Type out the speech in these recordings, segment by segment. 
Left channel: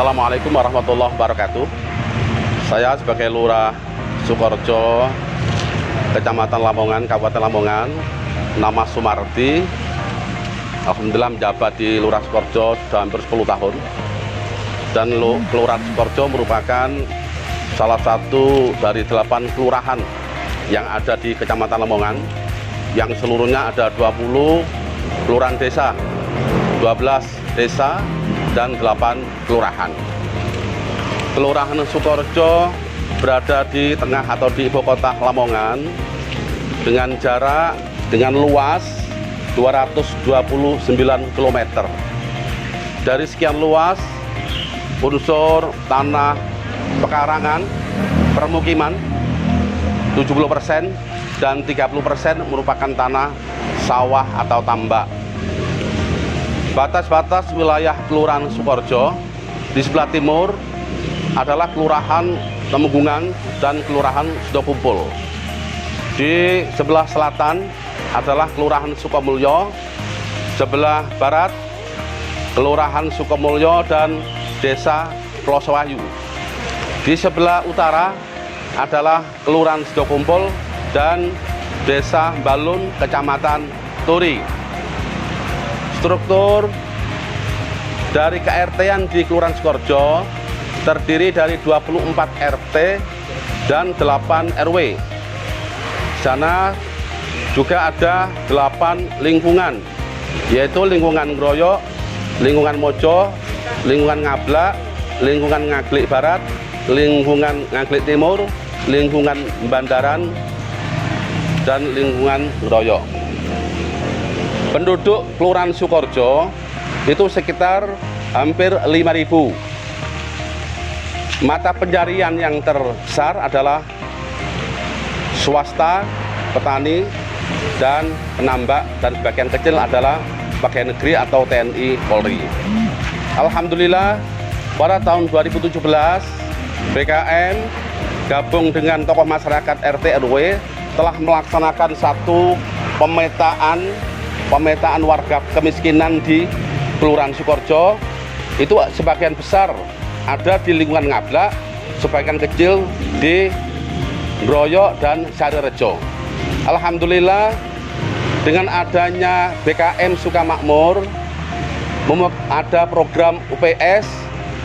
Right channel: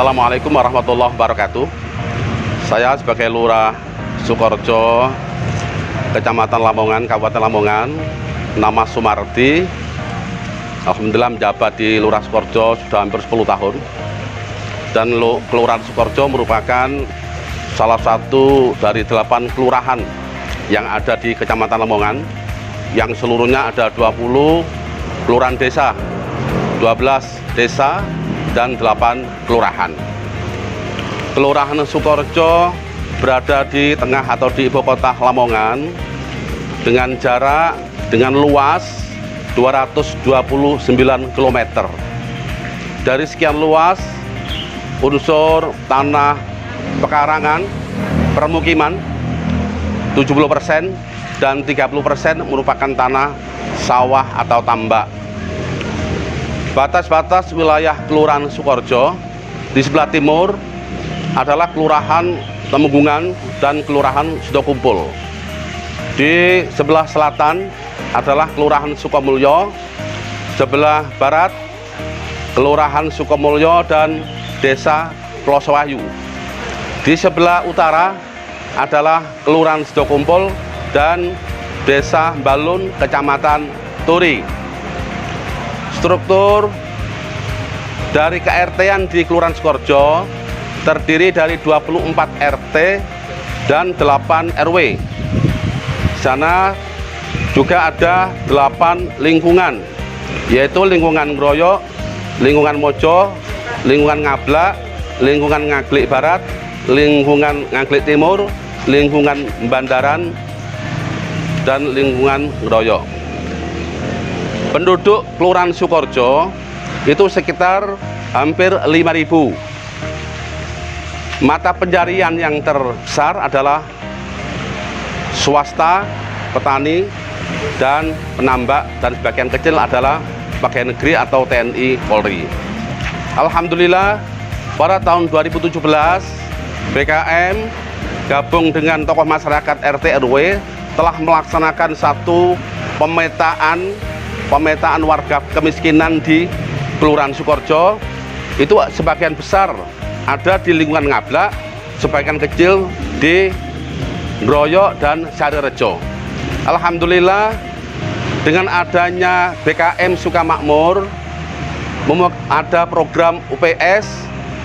Assalamualaikum warahmatullahi wabarakatuh. Saya sebagai Lurah Sukorejo, Kecamatan Lamongan, Kabupaten Lamongan, nama Sumardi. Alhamdulillah menjabat di Lurah Sukorejo sudah hampir 10 tahun. Dan Kelurahan Sukorejo merupakan salah satu dari 8 kelurahan yang ada di Kecamatan Lamongan, yang seluruhnya ada 20 kelurahan desa, 12 desa, dan 8 kelurahan. Kelurahan Sukorejo berada di tengah atau di ibu kota Lamongan dengan jarak, dengan luas 229 km. Dari sekian luas, unsur tanah pekarangan, permukiman 70% dan 30% merupakan tanah sawah atau tambak. Batas-batas wilayah Kelurahan Sukorejo di sebelah timur adalah Kelurahan Temenggungan dan Kelurahan Sidokumpul. Di sebelah selatan adalah Kelurahan Sukomulyo, sebelah barat Kelurahan Sukomulyo dan Desa Plosowayu. Di sebelah utara adalah Kelurahan Sidokumpul dan Desa Balun, Kecamatan Turi. Struktur dari KRT-an di Kelurahan Sukorejo terdiri dari 24 RT dan 8 RW. Di sana juga ada 8 lingkungan, yaitu lingkungan Ngroyok, lingkungan Mojo, lingkungan Ngablak, lingkungan Ngaglik Barat, lingkungan Ngaglik Timur, lingkungan Bandaran, dan lingkungan Ngroyok. Penduduk Kelurahan Sukorejo itu sekitar hampir 5.000. Mata pencarian yang terbesar adalah swasta, petani, dan penambak, dan sebagian kecil adalah pegawai negeri atau TNI Polri. Alhamdulillah pada tahun 2017 BKM gabung dengan tokoh masyarakat RT RW telah melaksanakan satu pemetaan warga kemiskinan di Kelurahan Sukorejo. Itu sebagian besar ada di lingkungan Ngablak, sebagian kecil di Ngroyok dan Sarirejo. Alhamdulillah dengan adanya BKM Sukamakmur, ada program UPS,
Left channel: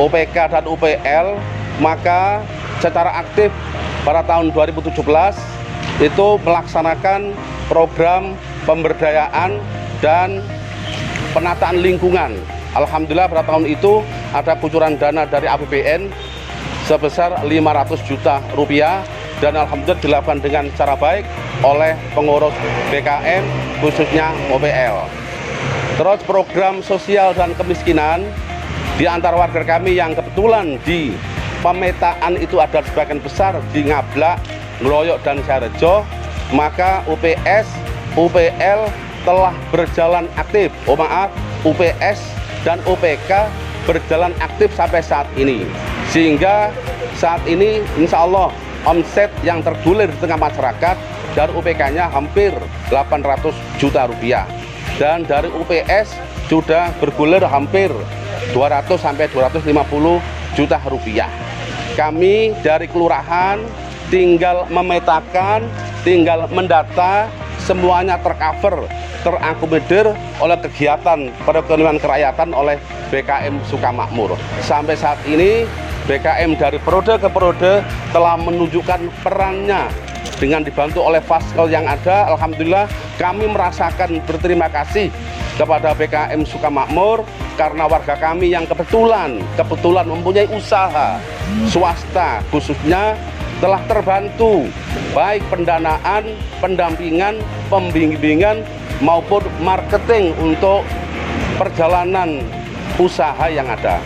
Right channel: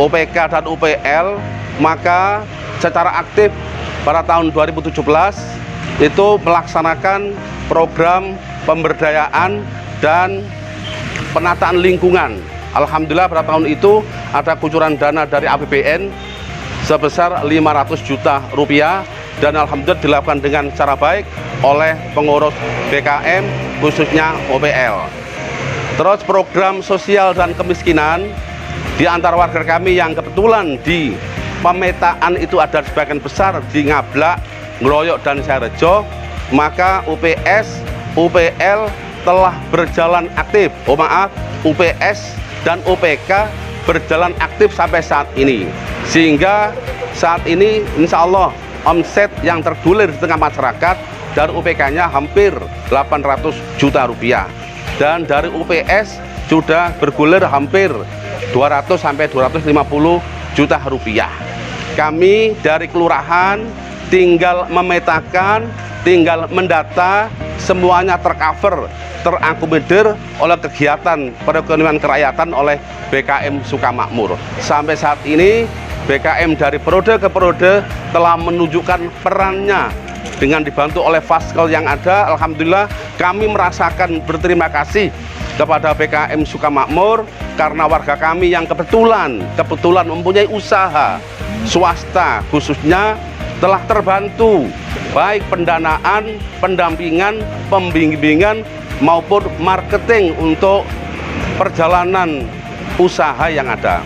UPK, dan UPL, maka secara aktif pada tahun 2017 itu melaksanakan program pemberdayaan dan penataan lingkungan. Alhamdulillah pada tahun itu ada kucuran dana dari APBN sebesar 500 juta rupiah, dan alhamdulillah dilakukan dengan cara baik oleh pengurus BKM khususnya OPL. Terus program sosial dan kemiskinan di antara warga kami yang kebetulan di pemetaan itu ada sebagian besar di Ngablak, Ngroyok, dan Sarirejo, maka UPS, UPL telah berjalan aktif. UPS dan UPK berjalan aktif sampai saat ini, sehingga saat ini insya Allah omset yang tergulir di tengah masyarakat dari UPK-nya hampir 800 juta rupiah, dan dari UPS sudah bergulir hampir 200 sampai 250 juta rupiah. Kami dari kelurahan tinggal memetakan, tinggal mendata, semuanya tercover, terakomodir oleh kegiatan perekonomian kerakyatan oleh BKM Sukamakmur. Sampai saat ini BKM dari periode ke periode telah menunjukkan perannya dengan dibantu oleh Faskel yang ada. Alhamdulillah kami merasakan berterima kasih kepada BKM Sukamakmur karena warga kami yang kebetulan mempunyai usaha swasta khususnya telah terbantu baik pendanaan, pendampingan, pembimbingan maupun marketing untuk perjalanan usaha yang ada.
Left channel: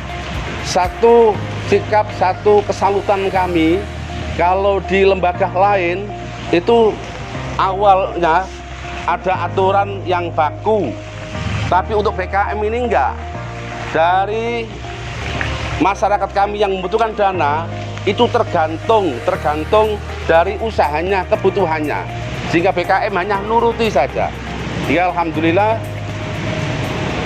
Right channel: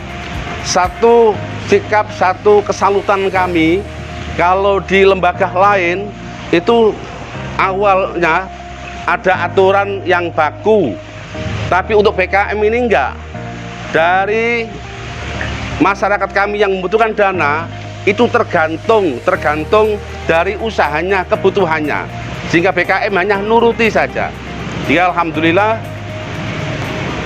Satu sikap, satu kesalutan kami, kalau di lembaga lain itu awalnya ada aturan yang baku, tapi untuk BKM ini enggak. Dari masyarakat kami yang membutuhkan dana itu tergantung dari usahanya, kebutuhannya, sehingga BKM hanya nuruti saja. Ya alhamdulillah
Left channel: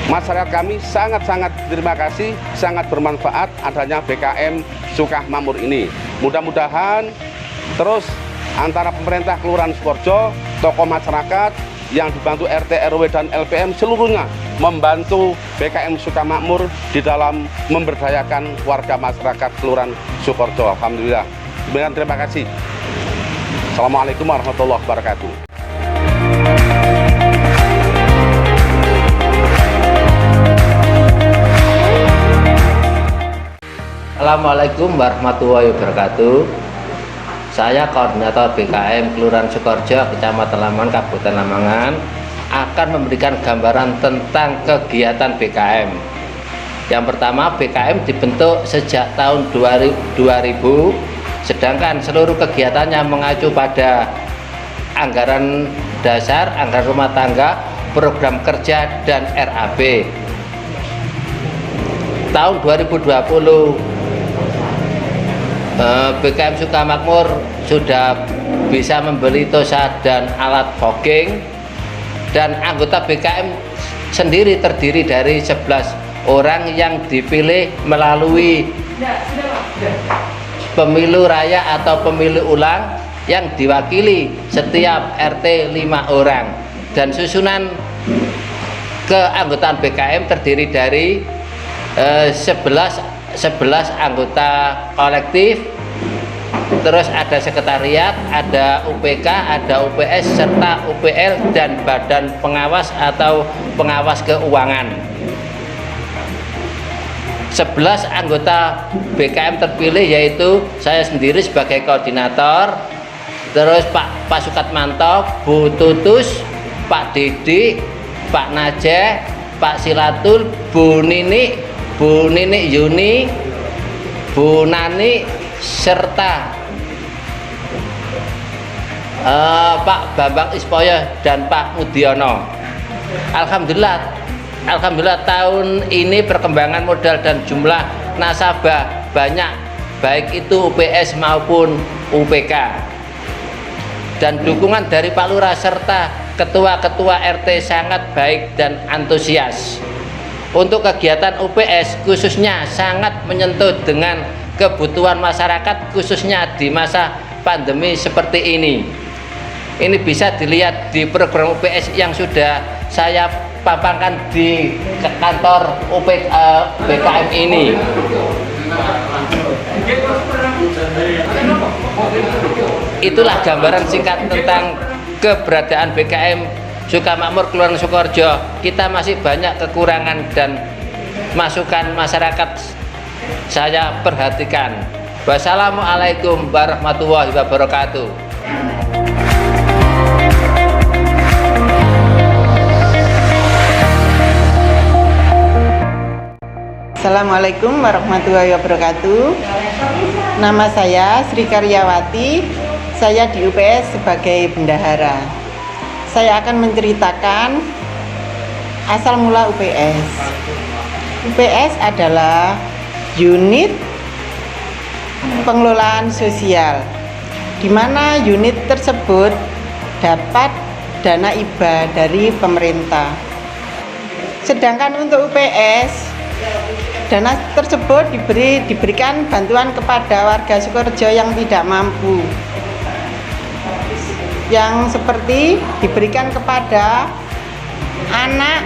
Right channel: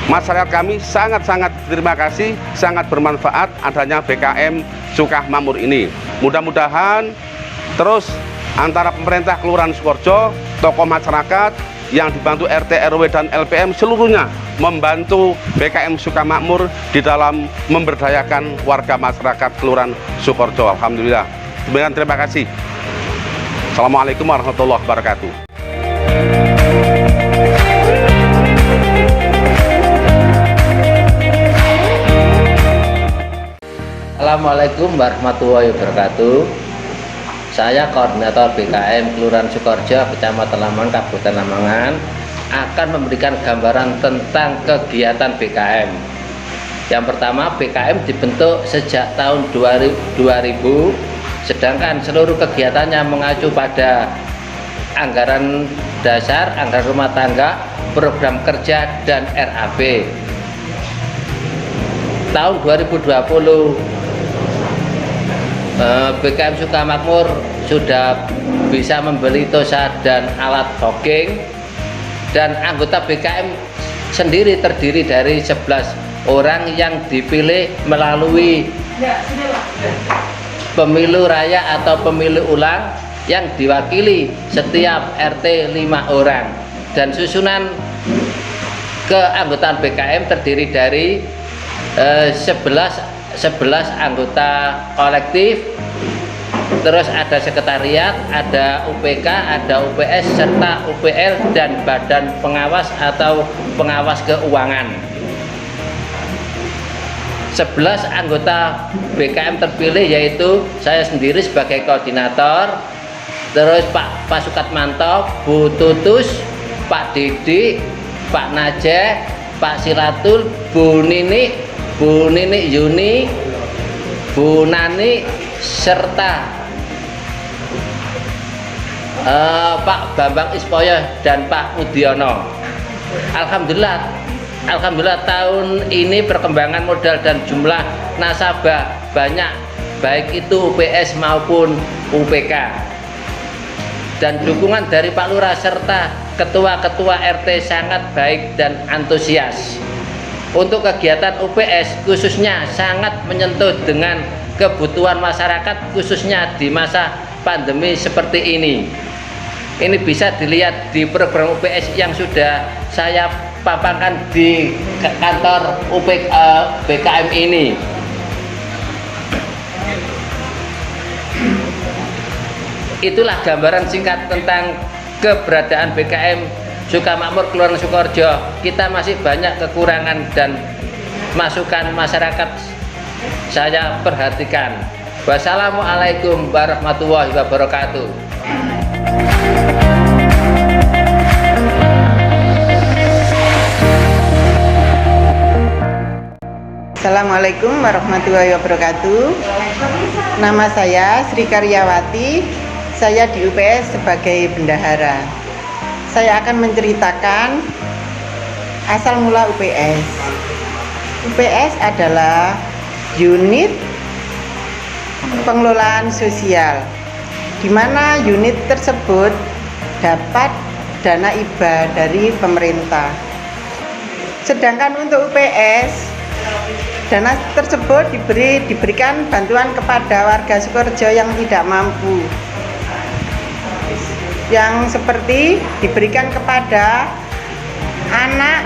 Masyarakat kami sangat-sangat terima kasih, sangat bermanfaat adanya BKM Sukamakmur ini. Mudah-mudahan terus antara pemerintah Kelurahan Sukorejo, tokoh masyarakat yang dibantu RT, RW, dan LPM seluruhnya membantu BKM Sukamakmur di dalam memberdayakan warga masyarakat Kelurahan Sukorejo. Alhamdulillah. Demikian, terima kasih. Assalamualaikum warahmatullahi wabarakatuh. Assalamualaikum warahmatullahi wabarakatuh. Saya koordinator BKM Kelurahan Sukorejo, Kecamatan Lamongan, Kabupaten Lamongan, akan memberikan gambaran tentang kegiatan BKM. Yang pertama, BKM dibentuk sejak tahun 2000, sedangkan seluruh kegiatannya mengacu pada anggaran dasar, anggaran rumah tangga, program kerja, dan RAB. Tahun 2020 BKM Sukamakmur sudah bisa membeli tosa dan alat fogging, dan anggota BKM sendiri terdiri dari 11 orang yang dipilih melalui pemilu raya atau pemilu ulang yang diwakili setiap RT 5 orang, dan susunan keanggotaan BKM terdiri dari 11 anggota kolektif, terus ada sekretariat, ada UPK, ada UPS, serta UPL dan badan pengawas atau pengawas keuangan. 11 anggota BKM terpilih yaitu saya sendiri sebagai koordinator, terus Pak Sukatmanto, Bu Tutus, Pak Didik, Pak Najeh, Pak Silatul, Bu Nini Yuni, Bu Nani, serta Pak Bambang Ispoyo dan Pak Mudiono. Alhamdulillah tahun ini perkembangan modal dan jumlah nasabah banyak, baik itu UPS maupun UPK, dan dukungan dari Pak Lurah serta ketua-ketua RT sangat baik dan antusias. Untuk kegiatan UPS khususnya sangat menyentuh dengan kebutuhan masyarakat, khususnya di masa pandemi seperti ini. Ini bisa dilihat di program UPS yang sudah saya paparkan di kantor BKM ini. Itulah gambaran singkat tentang keberadaan BKM Sukamakmur Kelurahan Sukorejo. Kita masih banyak kekurangan dan masukan masyarakat saya perhatikan. Wassalamualaikum warahmatullahi wabarakatuh. Assalamualaikum warahmatullahi wabarakatuh. Nama saya Sri Karyawati. Saya di UPS sebagai bendahara. Saya akan menceritakan asal mula UPS. UPS adalah unit pengelolaan sosial, di mana unit tersebut dapat dana hibah dari pemerintah. Sedangkan untuk UPS, dana tersebut diberikan bantuan kepada warga Sukorejo yang tidak mampu, yang seperti diberikan kepada anak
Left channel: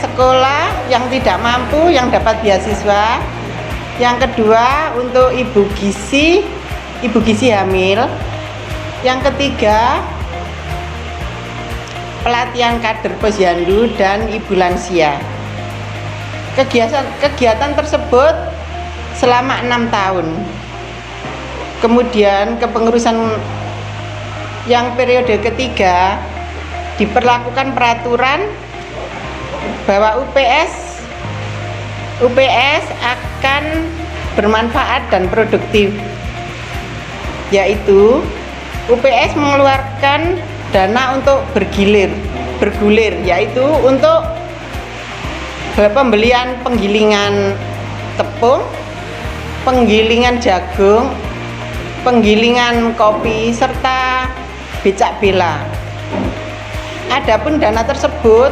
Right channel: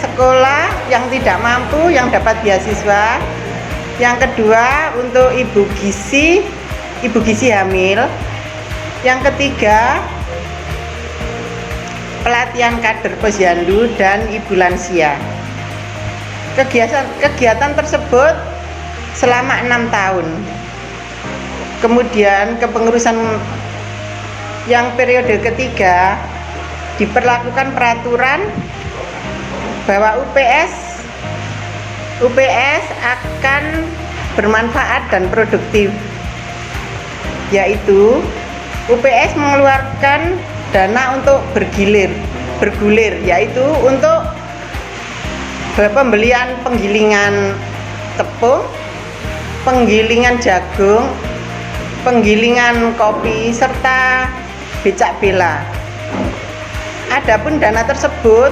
sekolah yang tidak mampu yang dapat beasiswa. Yang kedua untuk ibu gizi hamil. Yang ketiga pelatihan kader posyandu dan ibu lansia. Kegiatan tersebut selama 6 tahun. Kemudian kepengurusan yang periode ketiga diperlakukan peraturan bahwa UPS akan bermanfaat dan produktif, yaitu UPS mengeluarkan dana untuk bergulir, yaitu untuk pembelian penggilingan tepung, penggilingan jagung, penggilingan kopi, serta becak bela. Adapun dana tersebut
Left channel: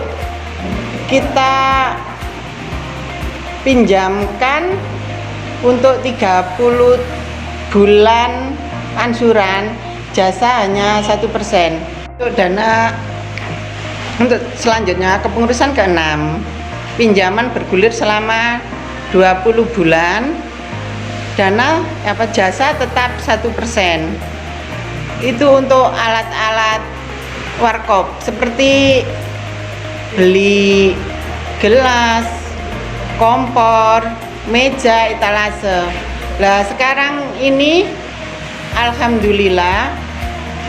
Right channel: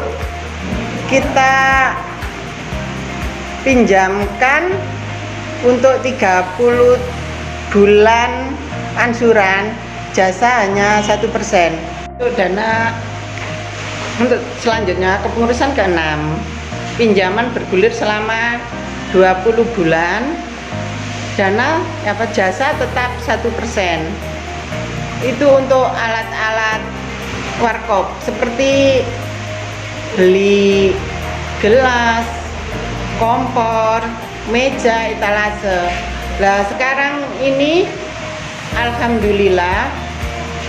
kita pinjamkan untuk 30 bulan ansuran, jasa hanya 1%. Untuk dana untuk selanjutnya kepengurusan ke-6, pinjaman bergulir selama 20 bulan, dana jasa tetap 1%. Itu untuk alat-alat warkop seperti beli gelas, kompor, meja, etalase. Nah sekarang ini alhamdulillah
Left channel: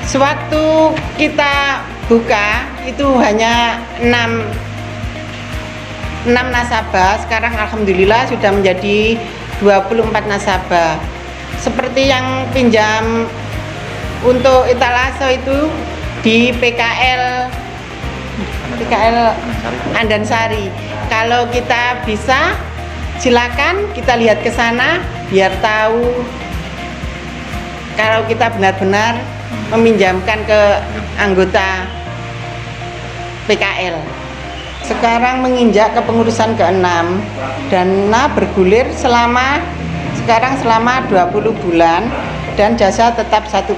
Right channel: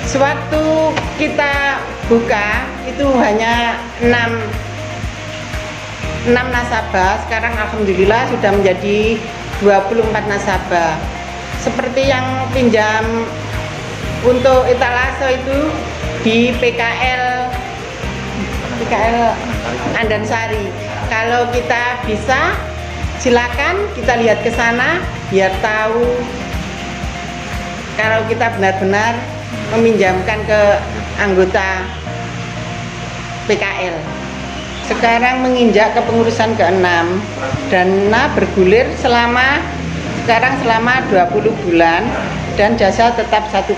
sewaktu kita buka itu hanya 6 nasabah, sekarang alhamdulillah sudah menjadi 24 nasabah. Seperti yang pinjam untuk etalase itu di PKL Andansari. Kalau kita bisa, silakan kita lihat ke sana biar tahu kalau kita benar-benar meminjamkan ke anggota PKL. Sekarang menginjak kepengurusan ke-6, dana bergulir selama 20 bulan dan jasa tetap 1%.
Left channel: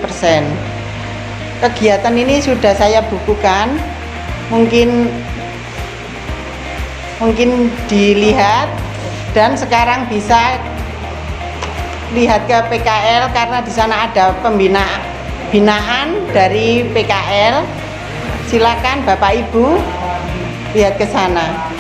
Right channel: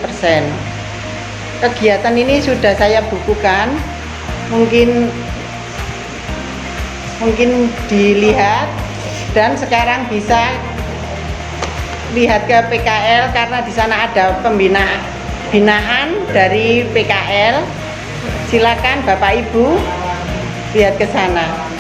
Kegiatan ini sudah saya bukukan, mungkin dilihat, dan sekarang bisa lihat ke PKL karena di sana ada binaan dari PKL. Silakan Bapak Ibu lihat ke sana.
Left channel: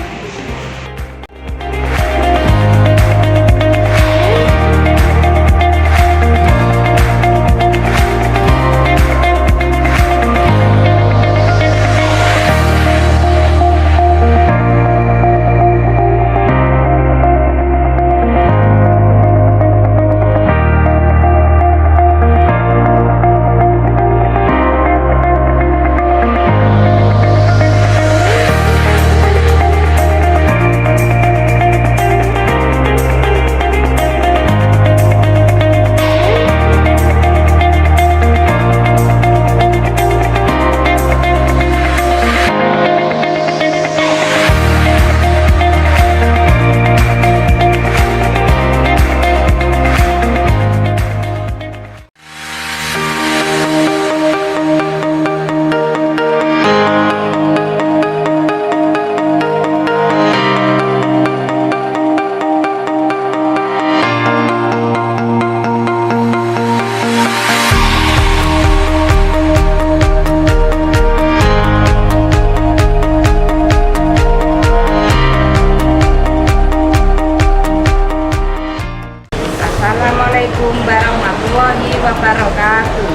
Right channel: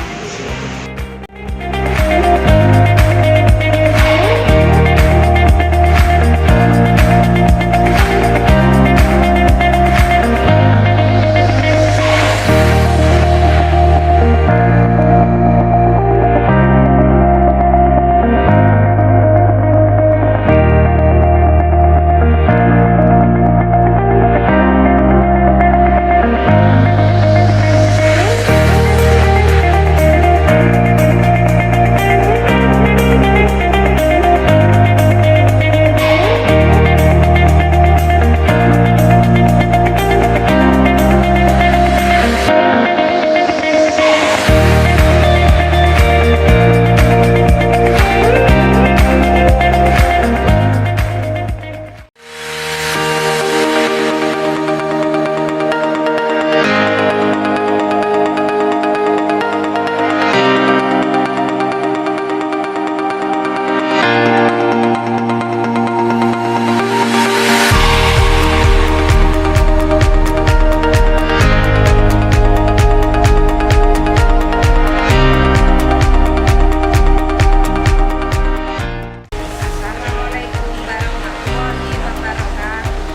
Assalamualaikum warahmatullahi wabarakatuh.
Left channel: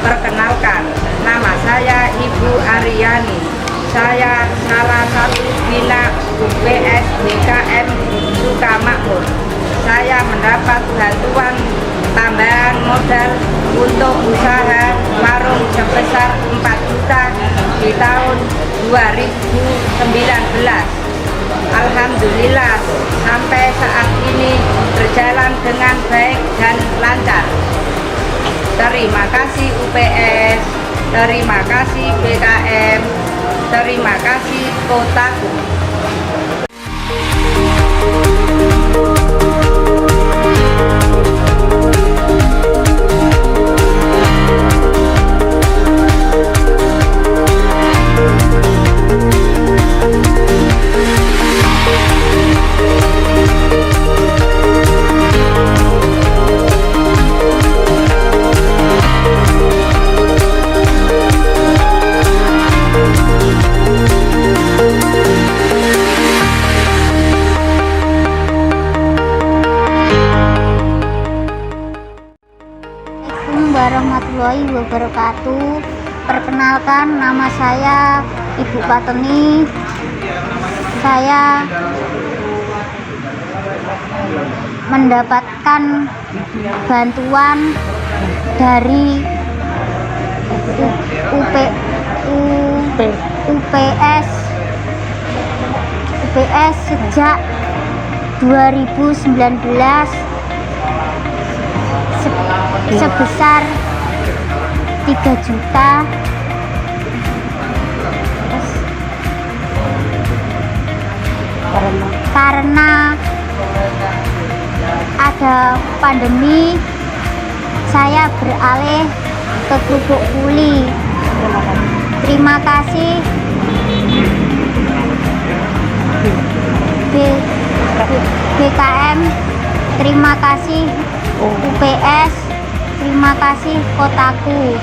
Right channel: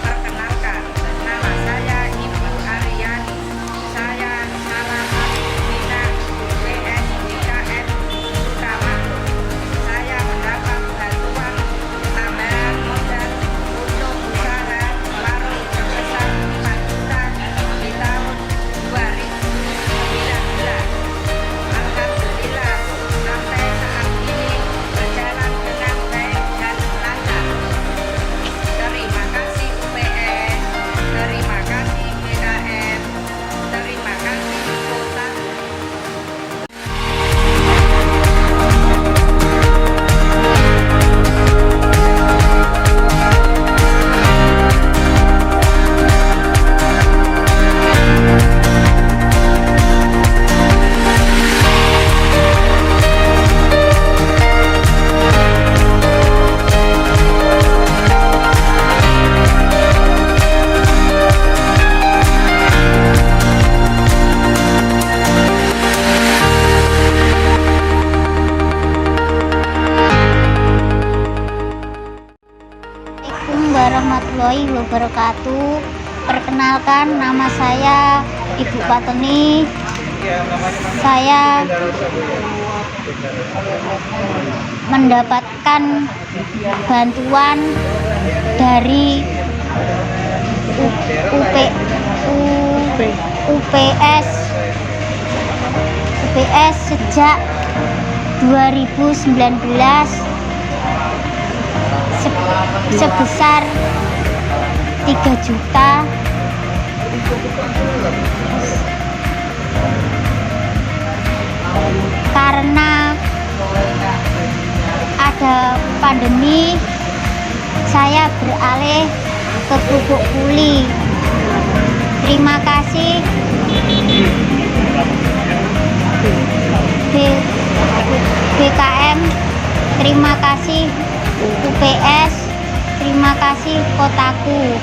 Perkenalkan, nama saya Ibu Aryani. Saya salah satu bina UPS BKM Sukamakmur. Saya mendapat bantuan tambahan modal untuk usaha warung sebesar 4 juta di tahun 2019. Alhamdulillah sampai saat ini berjalan dengan baik dan lancar. Terima kasih UPS, terima kasih BKM, terima kasih Kotaku. Assalamualaikum warahmatullahi wabarakatuh. Perkenalkan, nama saya Ibu Pateni. Saya mendapatkan bantuan dari UPS sejak 2019 sebesar 3 juta ada pandemi, saya beralih ke kerupuk kuli. Terima kasih BKM, terima kasih UPS, terima kasih Kotaku.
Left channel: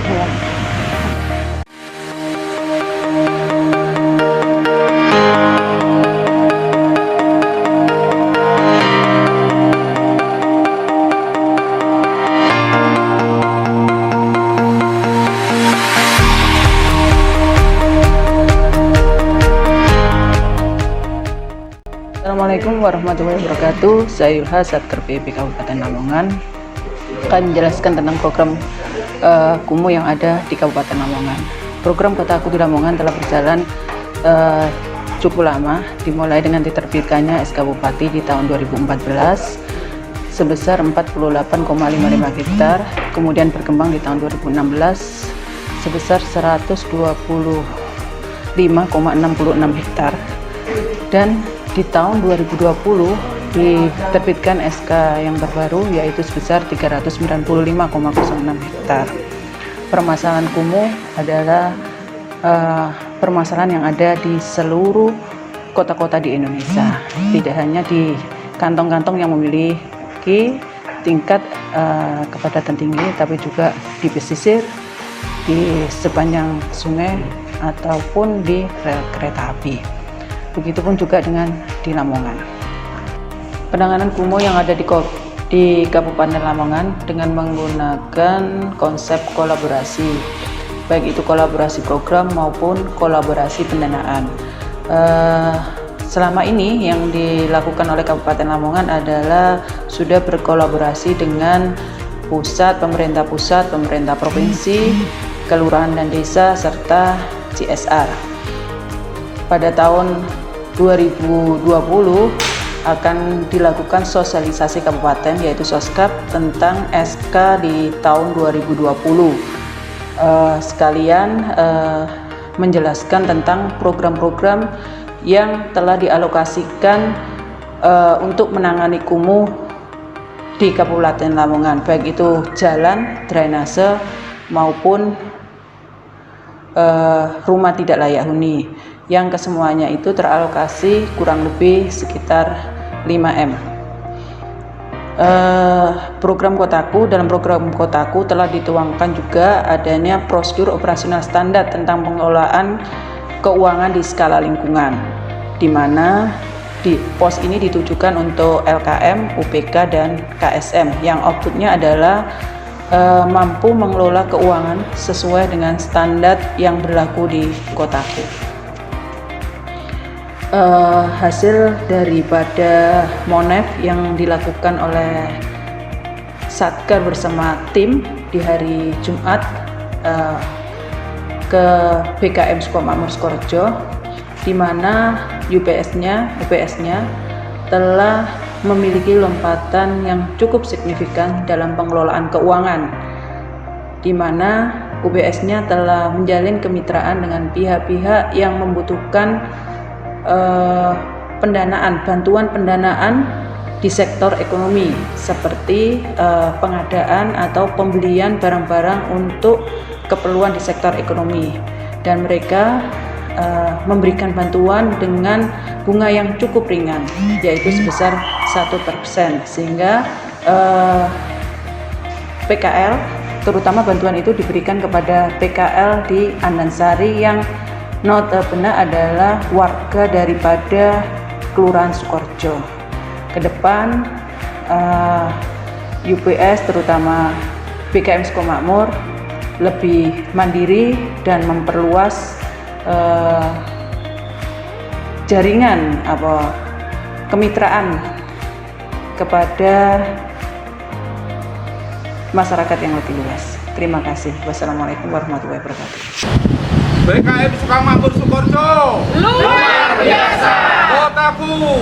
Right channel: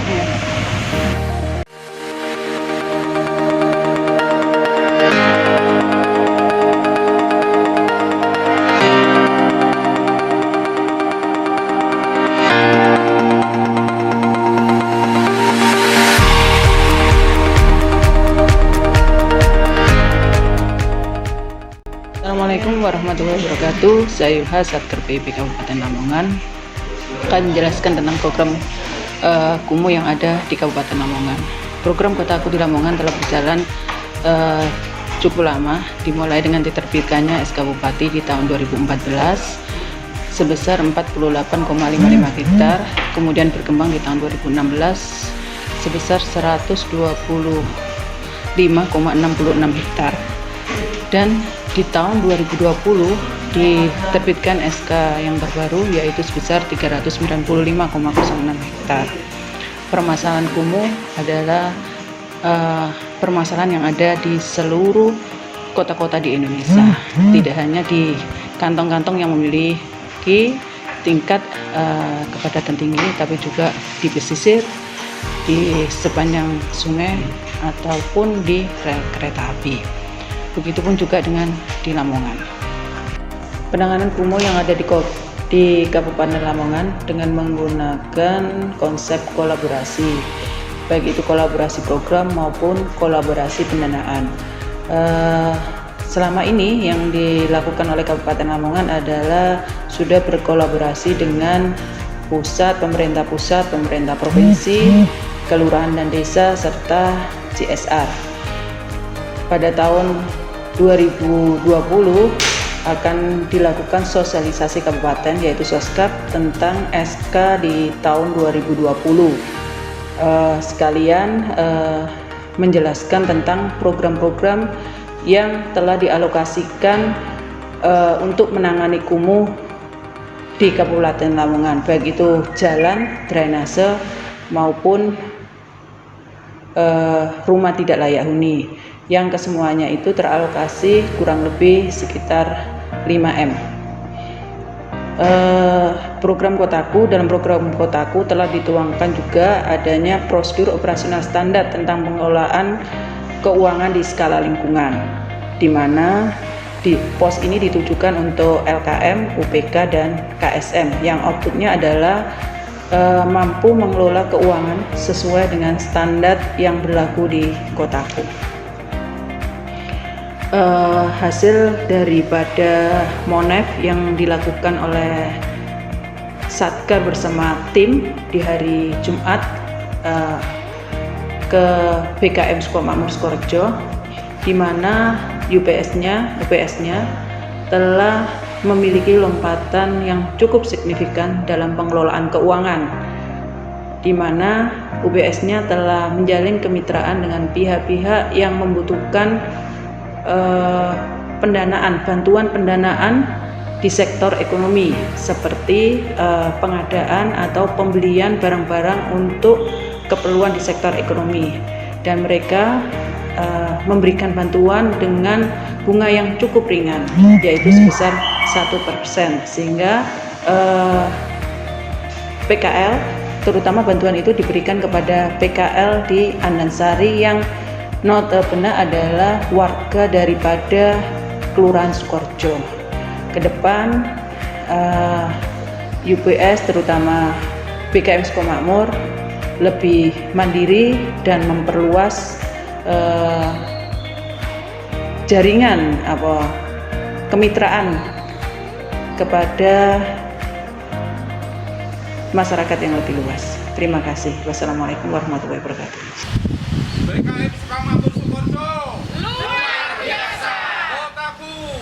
Assalamualaikum warahmatullahi wabarakatuh. Saya Yulha, Satker PIP Kabupaten Lamongan, akan menjelaskan tentang program kumuh yang ada di Kabupaten Lamongan. Program Kotaku di Lamongan telah berjalan cukup lama, dimulai dengan diterbitkannya SK Bupati di tahun 2014 sebesar 48,55 hektar, kemudian berkembang di tahun 2016 sebesar 125,66 hektar, dan di tahun 2020 diterbitkan SK yang terbaru yaitu sebesar 395,06 hektar. Permasalahan kumuh adalah permasalahan yang ada di seluruh kota-kota di Indonesia, tidak hanya di kantong-kantong yang memiliki tingkat kepadatan tinggi, tapi juga di pesisir, di sepanjang sungai, ataupun di rel kereta api. Begitupun juga dengan di Lamongan. Penanganan kumuh yang ada di Kabupaten Lamongan dengan menggunakan konsep kolaborasi, baik itu kolaborasi program maupun kolaborasi pendanaan. Selama ini yang dilakukan oleh Kabupaten Lamongan adalah sudah berkolaborasi dengan pemerintah pusat, pemerintah provinsi, kelurahan dan desa, serta CSR. Pada tahun 2020 akan dilakukan sosialisasi kabupaten, yaitu Soskap, tentang SK di tahun 2020. Sekalian menjelaskan tentang program-program yang telah dialokasikan untuk menangani kumuh di Kabupaten Lamongan, baik itu jalan, drainase, maupun rumah tidak layak huni, yang kesemuanya itu teralokasi kurang lebih sekitar 5M. Dalam program Kotaku telah dituangkan juga adanya prosedur operasional standar tentang pengelolaan keuangan di skala lingkungan, di mana di pos ini ditujukan untuk LKM, UPK, dan KSM yang outputnya adalah mampu mengelola keuangan sesuai dengan standar yang berlaku di Kotaku. Hasil daripada Monef yang dilakukan oleh Satker bersama tim di hari Jumat ke BKM Sukomakmur Sukorejo, di mana UPS-nya telah memiliki lompatan yang cukup signifikan dalam pengelolaan keuangan, di mana UPS-nya telah menjalin kemitraan dengan pihak-pihak yang membutuhkan bantuan pendanaan di sektor ekonomi, seperti pengadaan atau pembelian barang-barang untuk keperluan di sektor ekonomi, dan mereka memberikan bantuan dengan bunga yang cukup ringan, yaitu sebesar 1%, sehingga PKL, terutama bantuan itu diberikan kepada PKL di Andansari yang notabene adalah warga daripada Kelurahan Sukorejo. Ke depan UPS, terutama BKM Sukomakmur, lebih mandiri dan memperluas jaringan kemitraan kepada masyarakat yang lebih luas. Terima kasih. Wassalamualaikum warahmatullahi wabarakatuh. BKM Sukomakmur Sukorejo luar biasa. Kotaku